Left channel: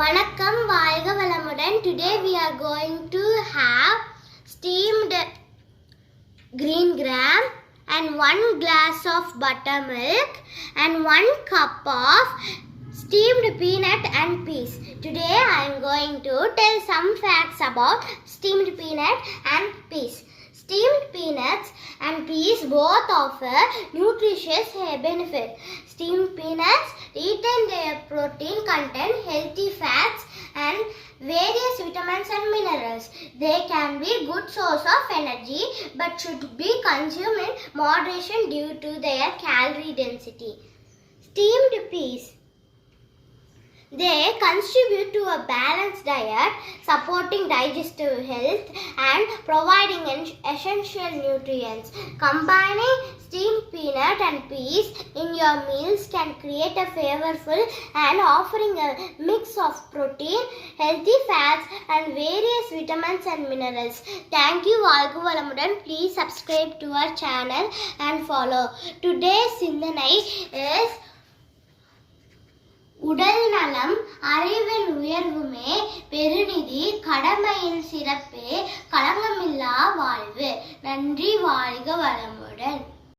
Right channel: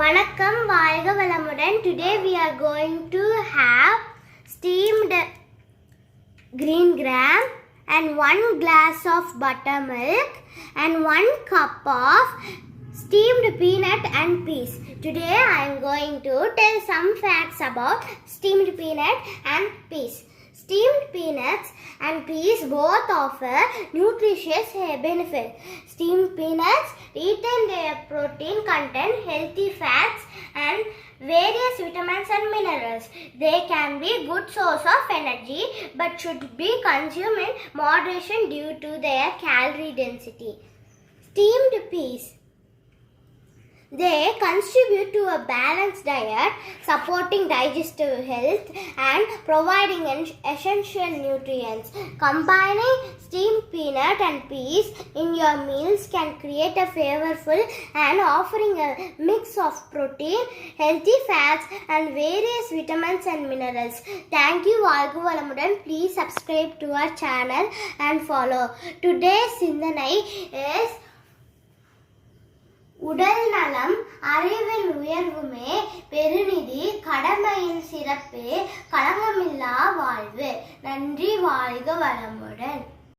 வணக்கம் வாழ்க வளமுடன். Today we are going to have steamed green gram and 1 glass of buttermilk and 1 cup of steamed peanut and peas. Today I am going to tell some facts about steamed peanut and peas. Steamed peanuts and peas both offer nutritious benefits. Steamed peanuts retain their protein content, healthy fats and various vitamins and minerals. They can be good source of energy but should be consumed in moderation due to their calorie density. Steamed peas. They contribute to a balanced diet, supporting digestive health and providing essential nutrients. Combining steamed peanut and peas in your meals can create a flavorful and offering a mix of protein, healthy fats and various vitamins and minerals. Thank you, வாழ்க வளமுடன். Please subscribe to our channel and follow. Today's சிந்தனை is உடல் நலம் அறிவின் உயர்வுமே பெருநிதி, கடமையின் சிறப்பே களங்கமில்லா வாழ்வு. நன்றி. வாழ்க வளமுடன்.